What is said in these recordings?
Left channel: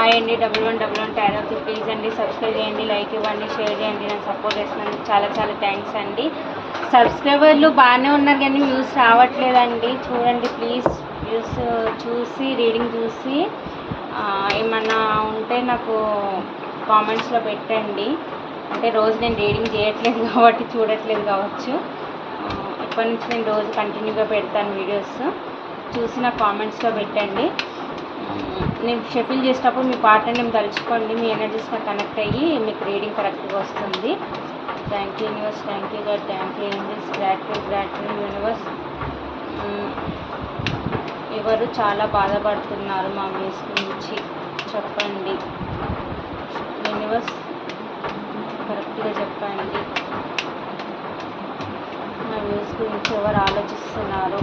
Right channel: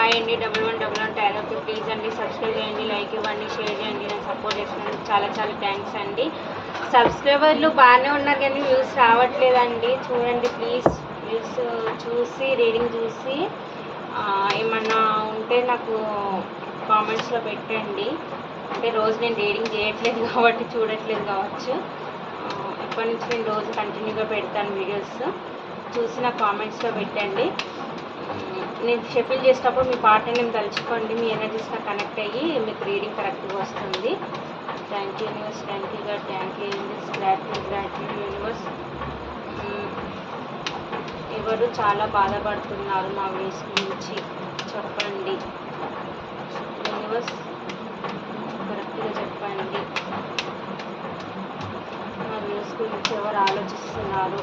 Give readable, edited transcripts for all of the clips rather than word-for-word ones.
Hi అండి, 1111 tarot please అండి subscribe చేయండి, లైక్ ఇవ్వండి, షేర్ చేయండి. నేను సపోర్ట్ చేస్తున్నాను. చాలా చాలా థ్యాంక్స్ అండి. సబ్స్క్రైబర్లు బాగానే ఉన్నారు కానీ వ్యూస్ రావట్లేదండి. చూడండి ప్లీజ్, వ్యూస్ చూసి రీడింగ్ చూసి ఏమన్నా ఉంటే నాకు కామెంట్స్లో పెట్టండి. అంటే రోజు నేను రీడింగ్ చేయట్లేదు కాబట్టి చూడట్లేదు కావచ్చు. ఇప్పటి నుంచి నేను రోజు కంటిన్యూగా పెడతాను వీడియోస్. చూసి నా కామెంట్స్లో పెట్టండి. నేను షఫిల్ చేసేటప్పుడు మీ పార్ట్ని నేను తలుచుకోండి. మీ ఎనర్జీస్ నాకు కనెక్ట్ అయ్యి మీకు రీడింగ్ కరెక్ట్గా వస్తుంది. Thank you universe, thank you God, thank you angels, gratitude universe. ఎవరు చాలా బాధపడుతున్నారు మా వ్యూస్ గురించి చెప్పండి యూనివర్స్, కరెక్ట్గా చెప్పండి. మా వ్యూస్ గురించి ఎవరు ఆలోచిస్తున్నారు?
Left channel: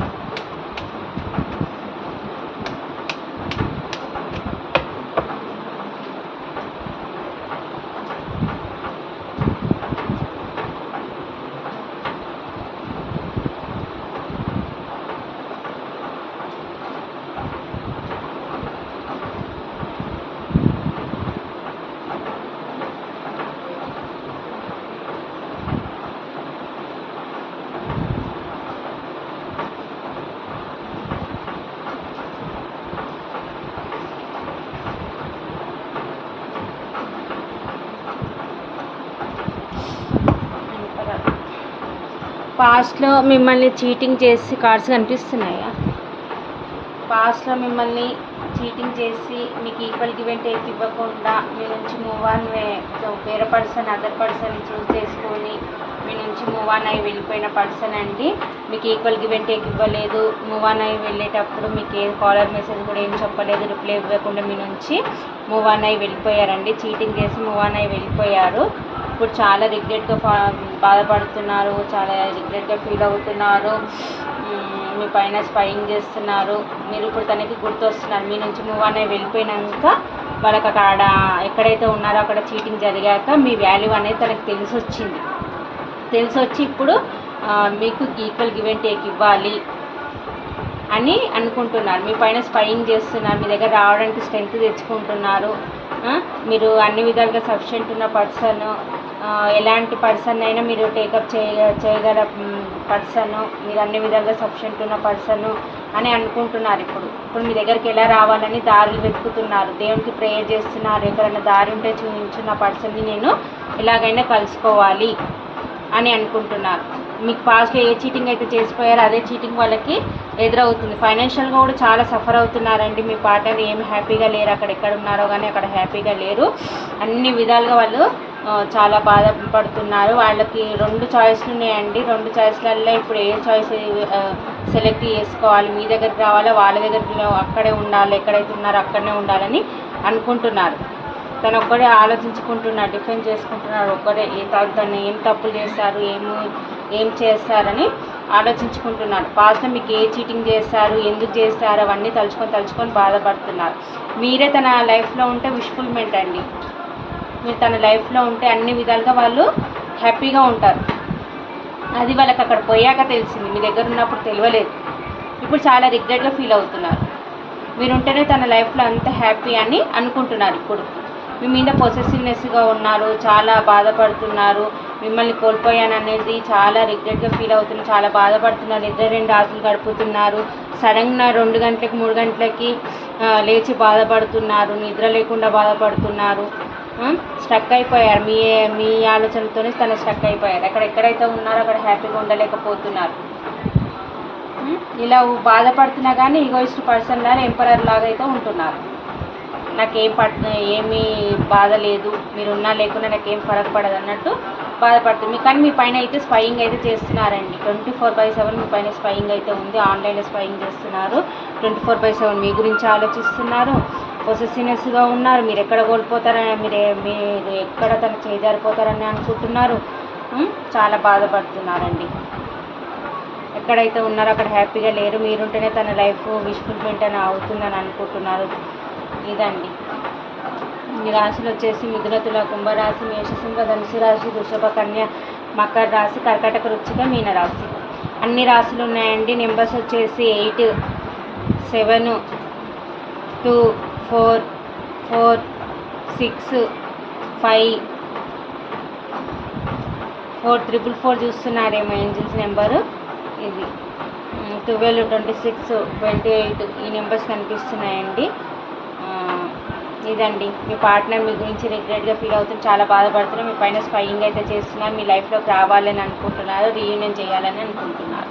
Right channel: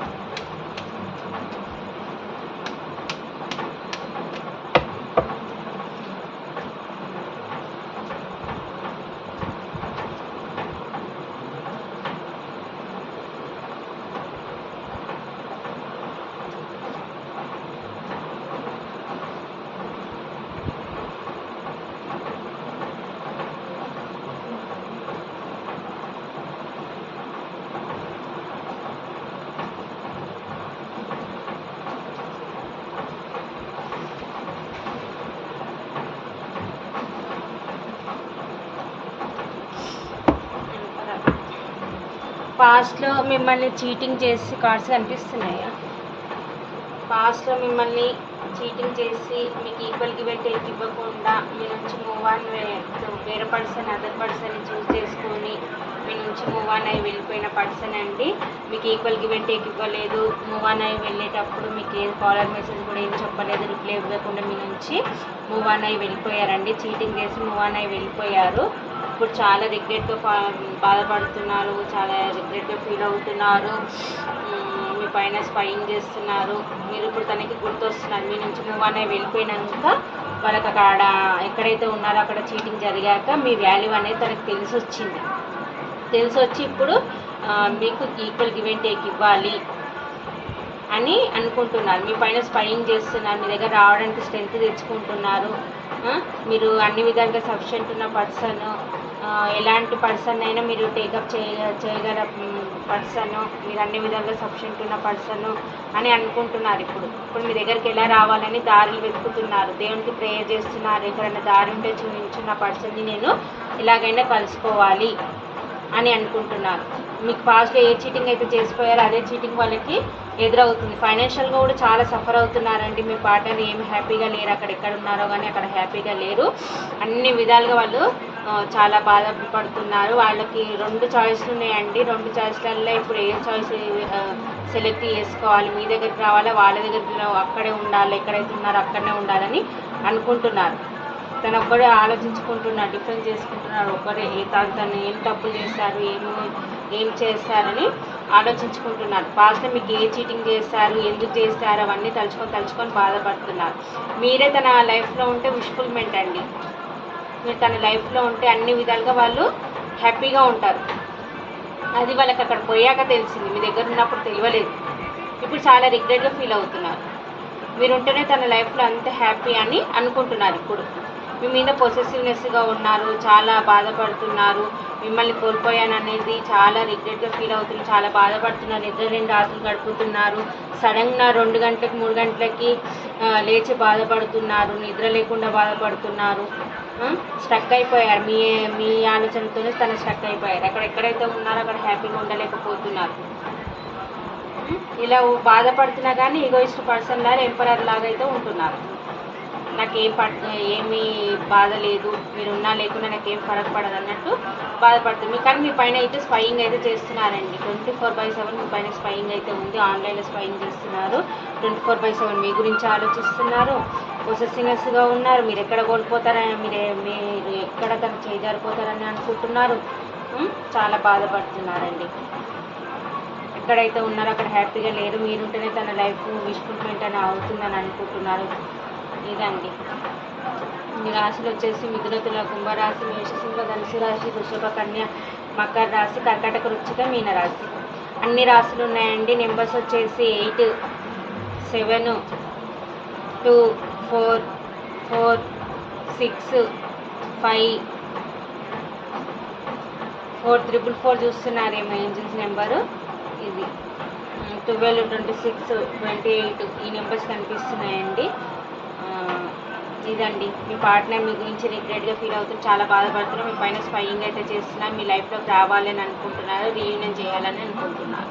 పాస్ట్లో మిమ్మల్ని చీటింగ్ చేసి కార్డ్స్ కనిపిస్తున్నాయా? పాస్ట్లో మిమ్మల్ని చీటింగ్ చేసి మీకు ఈక్వల్ గివ్ అండ్ టేక్ ఇవ్వకుండా మీ నుంచి మూవ్ ఆన్ వేరే పర్సన్ అదర్ పర్సన్ చూస్ చేసుకొని మీ నుంచి మూవ్ ఆన్ అయి వెళ్ళిపోయిన పర్సన్ అండి. మీకు ఈక్వల్ గివ్ అండ్ టేక్ ఇవ్వలేదు. మూవ్ ఆన్ అయి వెళ్ళేటప్పుడు మీకు ఏం కాలర్ మెసేజ్ కూడా ఏం చెప్పలేదు, రిప్లై ఇవ్వకుండా మీ నుంచి మూవ్ ఆన్ అయి వెళ్ళిపోయారండి. చీటింగ్ చేసి మూవ్ ఆన్ అయి వెళ్ళిపోయారు. ఇప్పుడు చాలా రిగ్రెట్గా బాధపడుతున్నారు, చాలా రిగ్రెట్గా ఫీల్ అవుతున్నారు. మీ పైన స్పైయింగ్ చేస్తున్నారు. మీరు ఇప్పుడు తనకి గుర్తొస్తున్నారు. మీ నుంచి మూవ్ ఆన్ అయి వెళ్ళిపోయినాక వాళ్ళకి అక్కడ ఎక్కడైతే ఉన్నారో అక్కడ చీటింగ్ జరిగాక మీ వాల్యూ అనేది తనకు తెలిసి వచ్చి ఇప్పుడు మీకు ఈక్వల్ గివ్ అండ్ టేక్ ఇవ్వాలి అని అనుకుంటున్నారు. మీ పైన స్పైయింగ్ చేస్తున్నారు. మీ దగ్గర రావడానికి స్ట్రెంత్ తెచ్చుకుంటున్నారు. మీరు అన్ని విధాలుగా సఫిషియెంట్ ఉన్న పర్సన్, ఎలాంటి పర్సన్ అయినా మీరు టేకప్ చేయగల పర్సను, మీరు అన్ని విధాలుగా సఫిషియెంట్ ఉన్న పర్సను అని అనుకుంటున్నారు. ఇప్పుడు మీ దగ్గరికి ఎలా రావాలని దారులు వెతుకుతున్నారు. దేవునికి ప్రేయర్ చేస్తున్నారు. ఎక్కడైనా దారి ఉంటే చూపించున్న పర్సన్ని నేను ఎలాగైనా కలుసుకోవాలి అని అనుకుంటున్నారు. మీకు పాస్ట్లో ఏ చీటింగ్ అయితే చేసిపోయారో అదే చీటింగ్ వాళ్ళకి ఎదురవుతుంది. ఫైనాన్షియల్గా కూడా చాలా సఫర్ అవుతున్నారండి. మీ పార్ట్నర్ ఏమి హ్యాపీగా లేరు. అక్కడ ఎక్కడ ఉన్నారో కానీ అక్కడ హ్యాపీగా లేరు. అన్ని విధాలుగా వాళ్ళు చాలా బాధపడుతున్నారు. వాళ్ళకి 2 చాయిస్లు ఉన్నాయండి. 2 చాయిస్లలో ఇప్పుడు ఏ చాయిస్ సెలెక్ట్ చేసుకోవాలి? మీ దగ్గరికి రావాలా, వాళ్ళ దగ్గరికి అక్కడే ఉండాలి, ఎక్కడైతే ఉన్నారో అక్కడనే ఉండాలని అనుకుంటున్నారు. తను ఒక్కడే ఆలోచించుకుంటున్నాడు, డిఫెండ్ చేసుకుంటున్నాడు. ఒక్కడే తను ఏం తప్పులు చేస్తారు, ఏం చేస్తారని ఆలోచించుకుంటున్నారు. పాస్ట్లో మీకు ఏ చీటింగ్ చేస్తారు, ఎందుకు చేస్తారు అవన్నీ తలుచుకొని బాధపడుతున్నారు. మీరే తన లైఫ్లో ఉంటే విష్ఫుల్మెంట్ అండి. మీరు తన లైఫ్లో ఉంటే అన్ని విధాలుగా వాళ్ళు హ్యాపీగా ఉంటారు. అది వాళ్ళకి అక్కడ పోయాక తెలిసింది. మీ దగ్గర ఉన్నప్పుడు తెలియలేదు. ఇప్పుడు చాలా రిగ్రెట్గా ఫీల్ అవుతున్నారు. మీరుంటేనే తన లైఫ్లో అంత హ్యాపీ అని అనుకుంటున్నారు. ఇప్పుడు మీ మీద పొసెసివ్నెస్గా ఉన్నారు, చాలా బాధపడుతున్నారు. మిమ్మల్ని కోల్పోయాననేది చాలా రిగ్రెట్గా ఫీల్ అవుతున్నారు, చాలా బాధపడుతున్నారు. నిద్ర 2 రాత్రులు గడుపుతున్నారు. సడన్గా 2 గంటలకి 3 గంటలకి లేచి బాధపడుతున్నారు. నిద్ర లేకుండా బాధపడుతున్నారు. స్ట్రక్ అయిపోయారు. మీ ఆలోచనతోనే తను స్ట్రక్ అయిపోయారు. ఎక్కడైతే ఉన్నారో అక్కడ హ్యాపీగా ఉండలేకపోతున్నారు. ఇలా బాధపడుతున్నా కానీ ఈగోయిస్ట్ పర్సన్ లాగా ఎంపరర్ లాగా అయితే ఉంటున్నారు. ఏమీ బాధ లేదు, మీరున్నా లేకున్నా నాకేం ఫరక్ పడదు అన్నట్టు బాధపడుతుంది. కానీ మీ పైన అయితే స్పైయింగ్ అయితే చేస్తున్నారండి. 24/7 మీ పైన స్పైయింగ్ అయితే ఉంది. ఆన్లైన్లో స్పైయింగ్ చేస్తున్నారు. 24/7 మీ గురించి ఆలోచిస్తున్నారు. పొసెసివ్నెస్గా ఉన్నారు. మీరు ఎక్కడ కోల్పోతారని, మీరు ఎక్కడ తను చేజారిపోతారని అనుకుంటున్నారు. చాలా బాధపడుతున్నారండి. ఎక్కడైతే ఉన్నారో అక్కడ హ్యాపీగా లేరు. మీరుంటేనే తన లైఫ్ విష్ఫుల్మెంట్ అని అవుతుందని అనుకుంటున్నారు. ఇదండి. ఈ రాశులు వచ్చేసి మిథున, తుల, కుంభరాశి, మేషసింహ, ధనుసు రాశి, వృషభ, కన్య, మకర రాశి, కర్కాటక, వృశ్చిక, మీన రాశి. అన్ని రాశులు ఉన్నాయండి. నెంబర్స్ వచ్చేసి 8, 7, 2, 4, 4 6 5 4444 చూస్తున్నారేమో ఏంజిల్స్ నెంబరు. ఇది 12 26 28 ఈ నెంబర్స్ కనిపిస్తున్నాయండి. ఇదండి మీ పార్ట్నర్ మీ గురించి రిగ్రెట్గా ఫీల్ అవుతుంది, చాలా బాధపడుతున్నారు, మీ పైన స్పైయింగ్ అయితే చేస్తున్నారు, మీ లైఫ్లోకి రావాలని అనుకుంటున్నారు, రీయూనియన్ చేయాలని అనుకుంటున్నారు.